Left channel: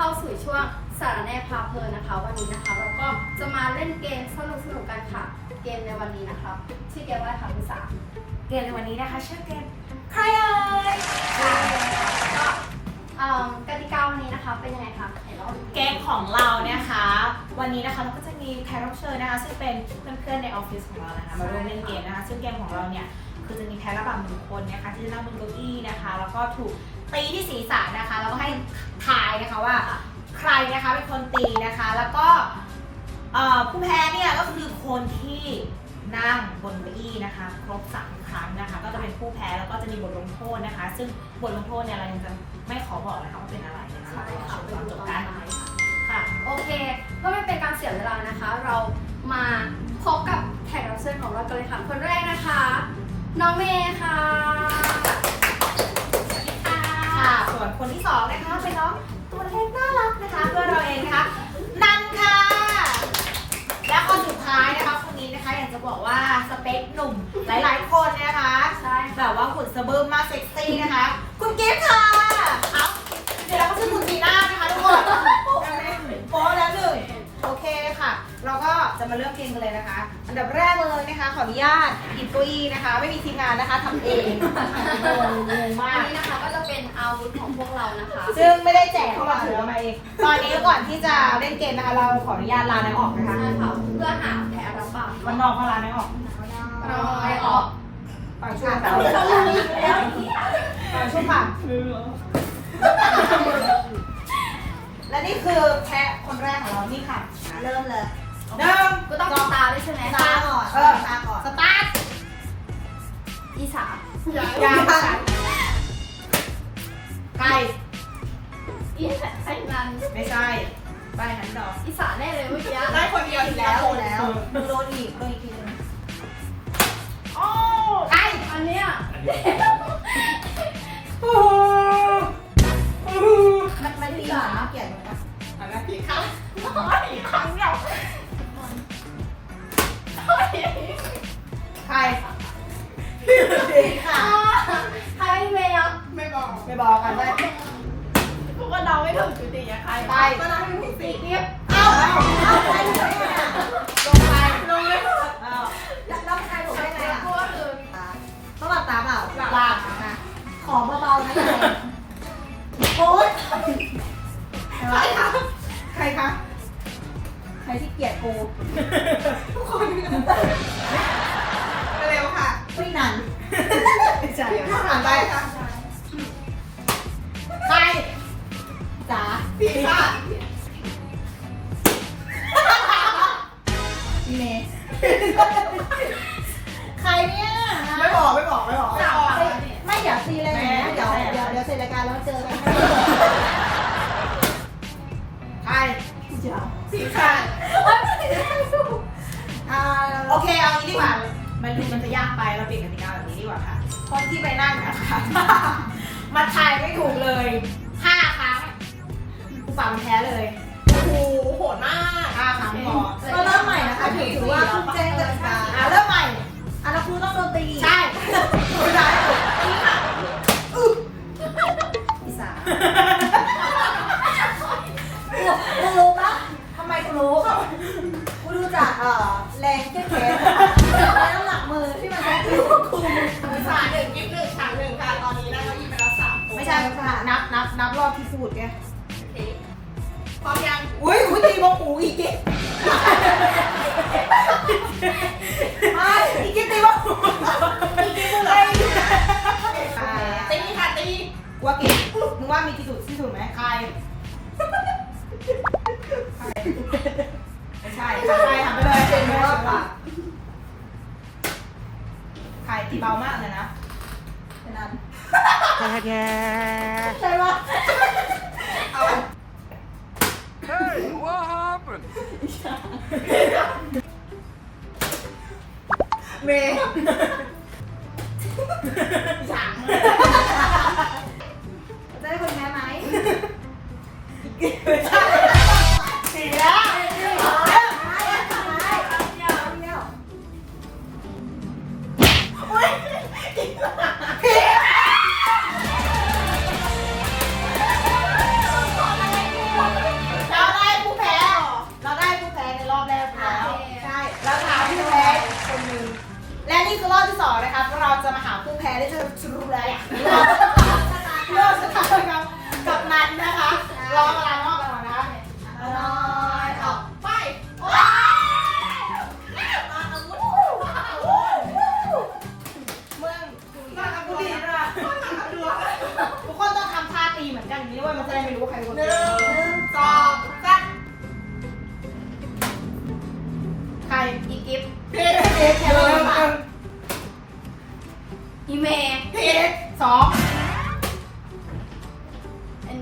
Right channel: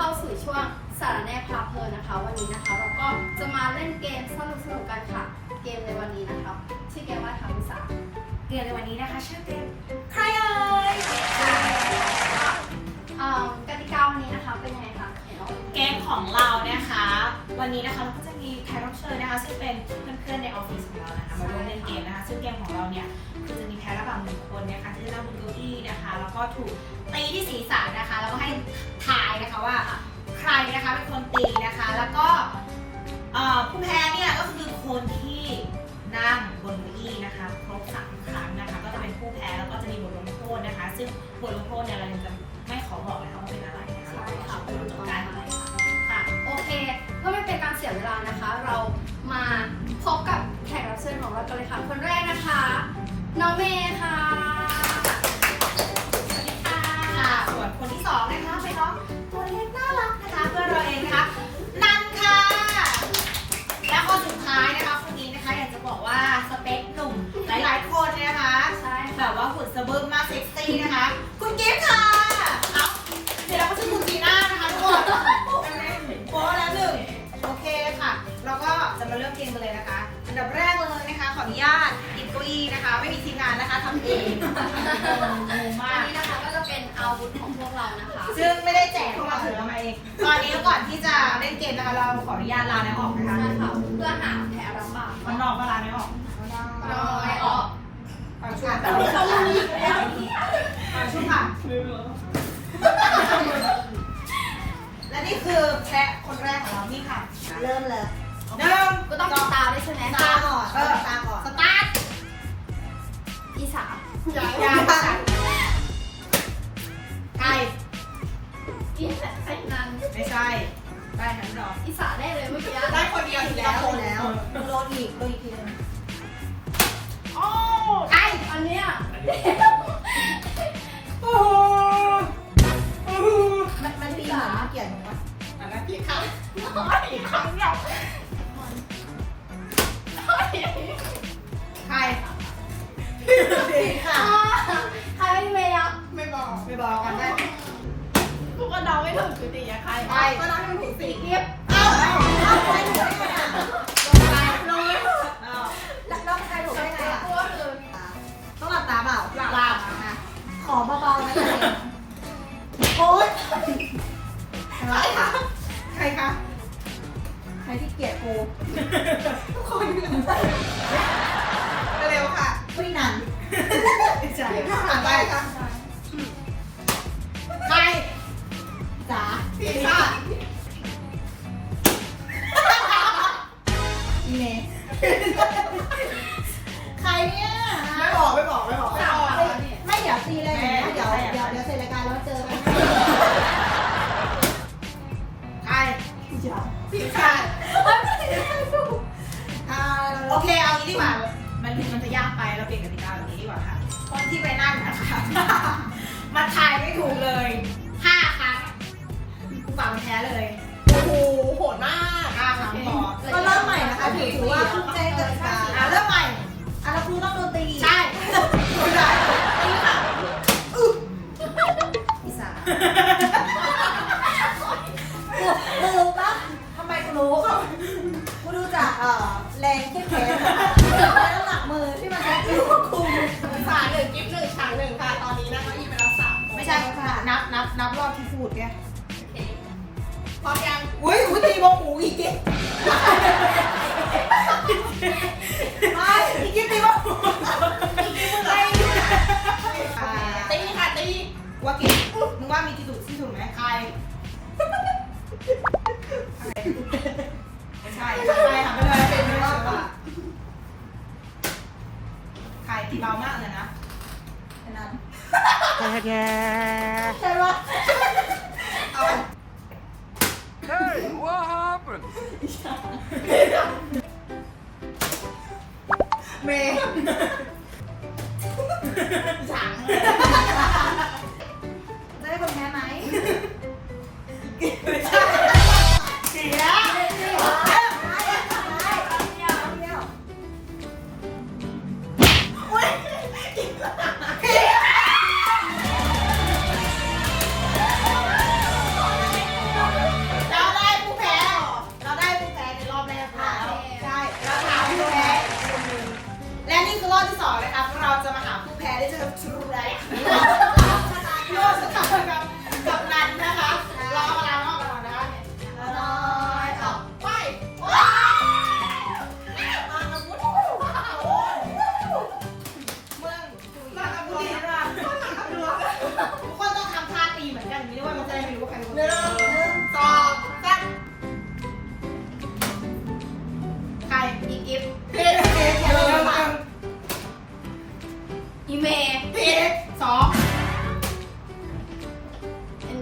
เข้าสู่ช่วงสารแนพาเพลินนะคะ วันนี้นะคะเราก็จะมาเล่นเกมสนุกสนุกๆกันค่ะ เกมในวันนี้นะคะชื่อเกมว่าอะไรคะคุณสาวเกมในวันนี้นะคะชื่อเกมใครเอ่ยเอ่อกติกาวันนี้นะคะเป็นยังไงคะไหนเล่าอีกทีเกมของเรานะคะ วันนี้นะคะเราก็จะมีแขกรับเชิญนะคะซึ่งเป็นเพื่อนๆในออฟฟิศของเรานะคะมาร่วมเล่นเกมนะคะซึ่งเกมของเราเนี่ยคือจะมีแพ้ระบำหนึ่งคนนะคะที่จะนั่งบนเก้าอี้นะคะ แล้วก็ถูก ตีที่ศีรษะนะคะแล้วก็ให้ทายนะคะว่าใครนะคะเป็นคนตีนะคะ แล้วก็เอ่อผู้แพ้เนี่ยก็คือคนที่นั่งบนเก้าอี้นะคะ ครบสามครั้งนะคะ ก็จะเป็นผู้แพ้แล้วก็จะมีบทลงโทษนะคะ ซึ่งบทลงโทษเนี่ยเรายังจะไม่ขอบอกนะคะว่าเป็นอะไรนะคะใช่เราค่ะรอไปชมดูตอนตจอนบท้ายกันค่ะค่ะโอเคเพื่อไม่เป็นการเสียเวลานะคะ เรามาพบกับแขกรับเชิญของเรากันเลยค่ะคนแรกนะคะ น้องเมย์ค่ะ วนคนที่สองนะคะเป็นน้องตัวเล็กน่ารักนะคะเพื่อนเราเองนะคะนันค่ะ และคนสุดท้ายนะคะคนนี้นะคะอยากจะบอกว่าสเปคหนุ่มหลายๆ คนนะคะใช่แบบว่าหุ่นสะบึมมากเซ็กซี่นะคะ คุณเกฟค่ะเอาเดี๋ยวเราก็ชื่อคุณจีน่านะคะทุกคนโป๊ะแล้วหนึ่งโอเคค่ะเราก็จะ มาเริ่มเกมกันเลยนะคะ อันดับแรกเลยนะคะขออนุญาตหยิบเก้าอี้นะคะ ไม่มีทีมงานนะคะทำเองงงงงมาอันก นี้นะคะก็จะเป็นอาวุธของพวกเรานะคะซึ่งไม่ได้แจกเข้ามาถือเอามาเอง ตอนนี้ก่อนที่จะเล่นเกมนะคะเราขออนุญาตลาในออกนะคะใช่ค่ะเพื่อหาแพ้รับบาปมันนอกมาลาในออกเราไม่ออกปากช่วงแต่เราลืมแล้วปากช่วงค่ะและนี่คือแพ้คนแรกของเรานี่ค่ะ เริ่มเลย หนึ่งก็ต้องติดตาด้วยใช่ไหมตาก่อนเออตาก่อนสตาร์ทอีสานยาไปอีไอ้นันไม่ใช่ไปหันดอกอีสานได้เลยเมื่อกี้ได้คนเดียวอีกแล้วคนแล้วโดนอีกโดนอีกทีนึงโอ้ไออันเนี้ยโอ้โหมันมันตีเหมือนเกลียดหนูนะเอาละพี่เขาโอ้ยครั้งเดีย บอกกันได้กูก็เดาไม่ถูกจุติอะใครไปก็ต้องเป็นผู้ปีเรียบเอาเอาใครถูกได้ไงอะลงไปลงไม่ถูกเอาแล้วใครถูกได้ไงอะกูก็คือต้องหลับตาเปล่าหลับนะขอเบาๆนะโอ๊ยใครวะใครคะใครที่เกลียดกูทุกคนเร็วค่ะไม่นานใช่ผ่านไปค่ะ จ๋าพี่ค่ะเมย์ใครเนี่ยไม่บอกไม่บอกไม่บอกสาวไม่ไม่เดี๋ยวตีเลยนะเดี๋ยวเดี๋ยวเดี๋ยวเสร็จรายการแล้วเจอกันใครพี่จ๋าสีค่ะอ่าโอเคเอางี้ดีกว่ามันมันจะยากไปเราเปลี่ยนกติกาแบบนี้ดีกว่าค่ะคนที่ไปนั่งนะคะมาทายไม่ถูกเลย ผู้ฝ่ามันแพ้เลยโอ้โหโหดมากห้าครั้งพอก็เริ่มใหม่นะคะถือถือว่าเพิ่งแจ้งกติกาอะเริ่มใหม่อะเราครูต้องโดนตีใช่อีสานกูรู้ปะทำไมกูรู้กูดูจากเอ่อแรงแค่แขนและน้ำหนักมือที่มันใช้ตีกูสายหนึ่งกิฟต์หนึ่งฉากหนึ่งค่ะตอนนี้นั่งเก้าอี้ไปแล้วสามคนไม่ใช่ค่ะนับนับนับรอบที่พูดแกพร้อมยัง อุ้ยอุ้ยตีโมหูอีกไม่อีกทีตีโมหูอีกทีมึงอะไรอ่าตีค่ะตีว่ากี่มึงว่ามีกี่ถูกที่ถูกไหมใครไม่ใช่ใครทำไปเลยเป็นรอบกว่าใครตีเบามากเลยนะแค่นั้นใช่ปะเอา Hey, what happened? เมย์ฉาง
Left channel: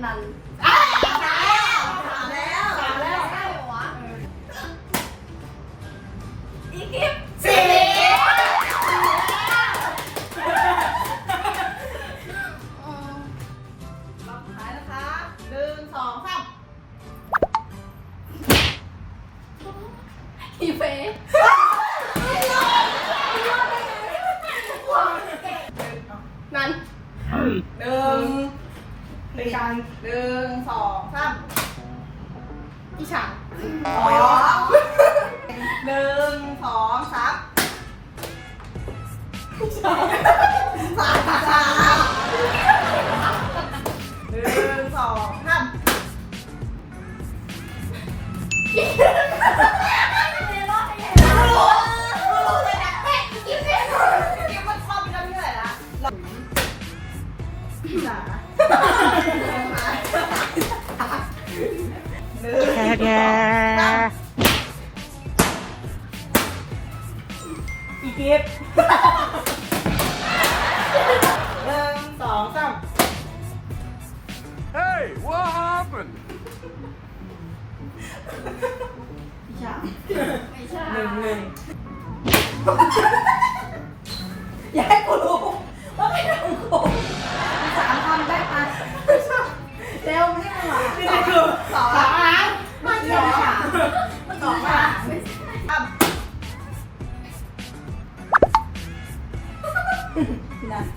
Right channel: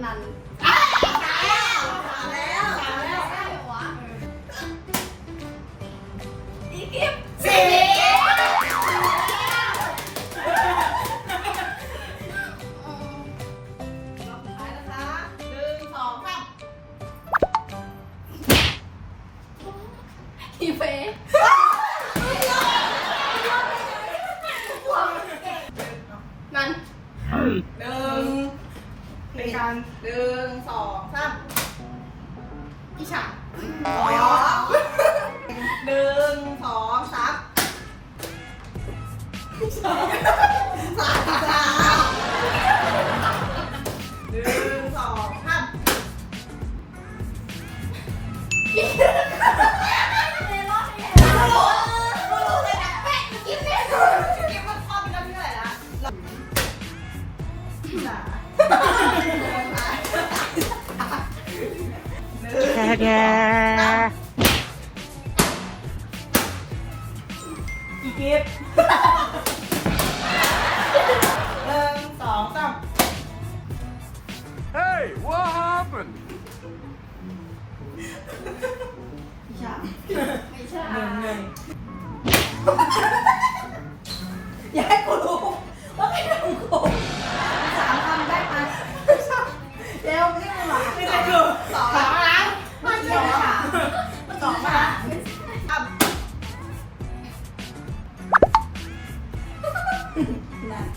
ามอีเฟย์นันหนึ่ง หนึ่งหนึ่งสองสามอีฉางสองหนึ่งสองสามสาม แค่แค่อีกิฟหนึ่งสองสาม Hey, what happened? ไม่ใช่หนึ่งหนึ่งอย่าให้กูรู้ว่าเป็นของกูสามคำได้ไหมเร็วไม่ได้หรอไม่ได้คือสอง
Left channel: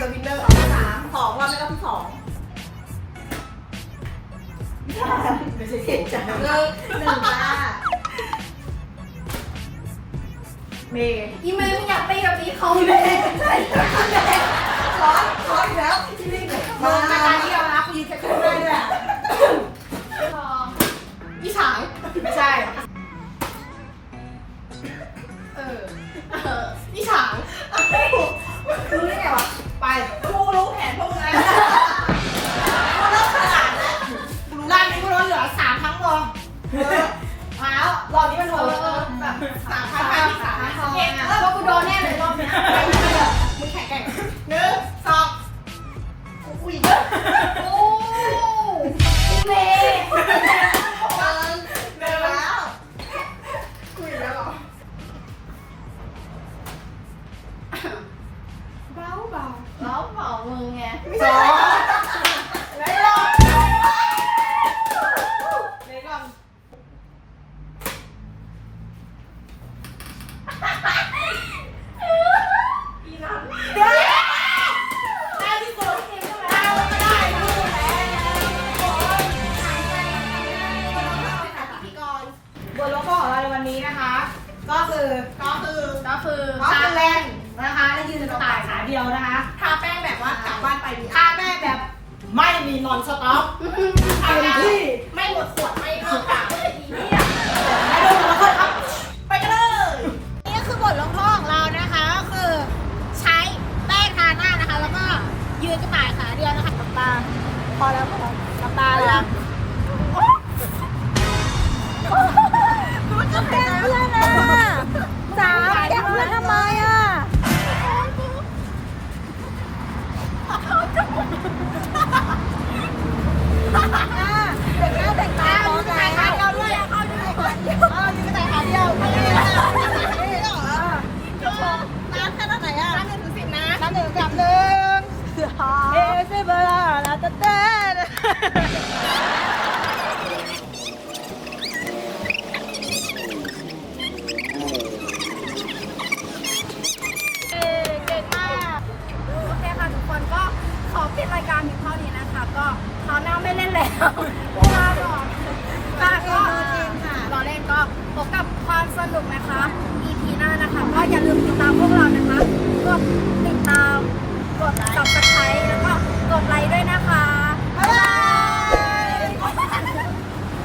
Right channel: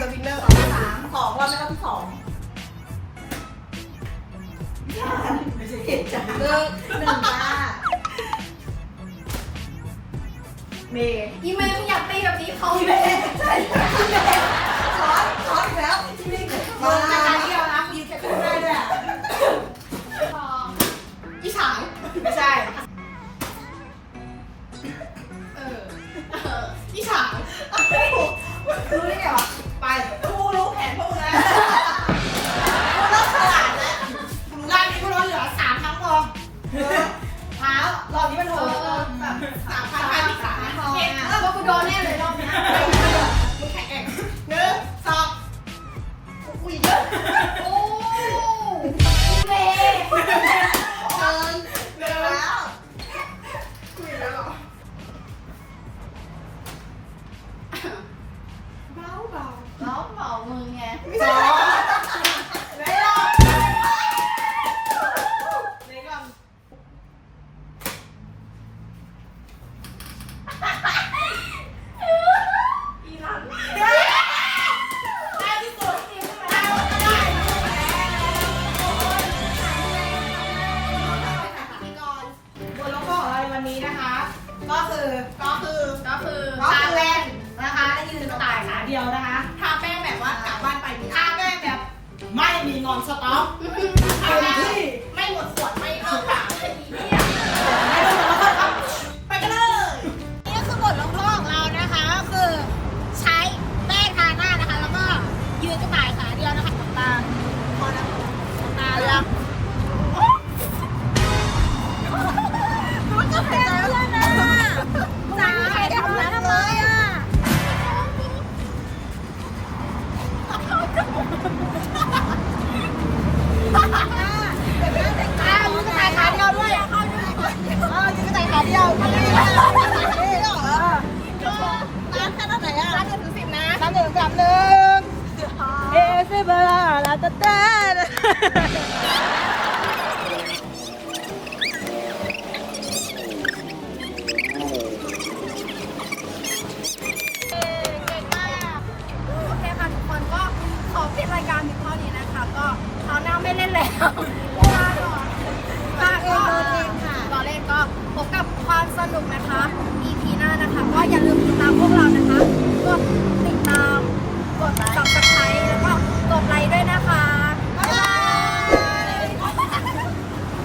สองไอแอมเดอะวินเนอร์สามสองวันไม่ก็ที่สองผิดจ้ะหนึ่งหนึ่งจ้าเมย์อีเมย์ไม่อยากไปกับนี้เขาพี่เลเมยย์ใช่ร้อนร้อนอีกแล้วที่นี่มาที่เรารับยีจะขึ้นได้ด้วยอะสองอีฉางไม่ใช่เออเอออีฉางรู้ได้ไงวะ แป้งแบบว่ากลับบ้านไปดีถ้าแม่แบบไม่มีนอนสต็อปทาเต็มแป้งที่ไม่หมดขวดไม่เข้าปากอีเนี่ยไปกันเลย นี่ก็คือบทลงโทษของเรานะคะ ก็คือใช้แป้งทาหน้านะคะ แล้วก็ยืนกระต่ายขาเดียวนะคะกับตาพอแล้วพอแล้วกับตาแล้ว รายการเพียงเท่านี้นะคะ ก็คราวหน้าไม่เล่นแล้วลาก่อนค่ะก็รอเล่นก็พบกับความสนุกนะคะ EP หน้านะคะ ก็อย่าลืมติดตามพวกเรานะคะกดติดตามกด subscribe แล้วก็กดไลค์ด้วยนะคะบ๊ายบาย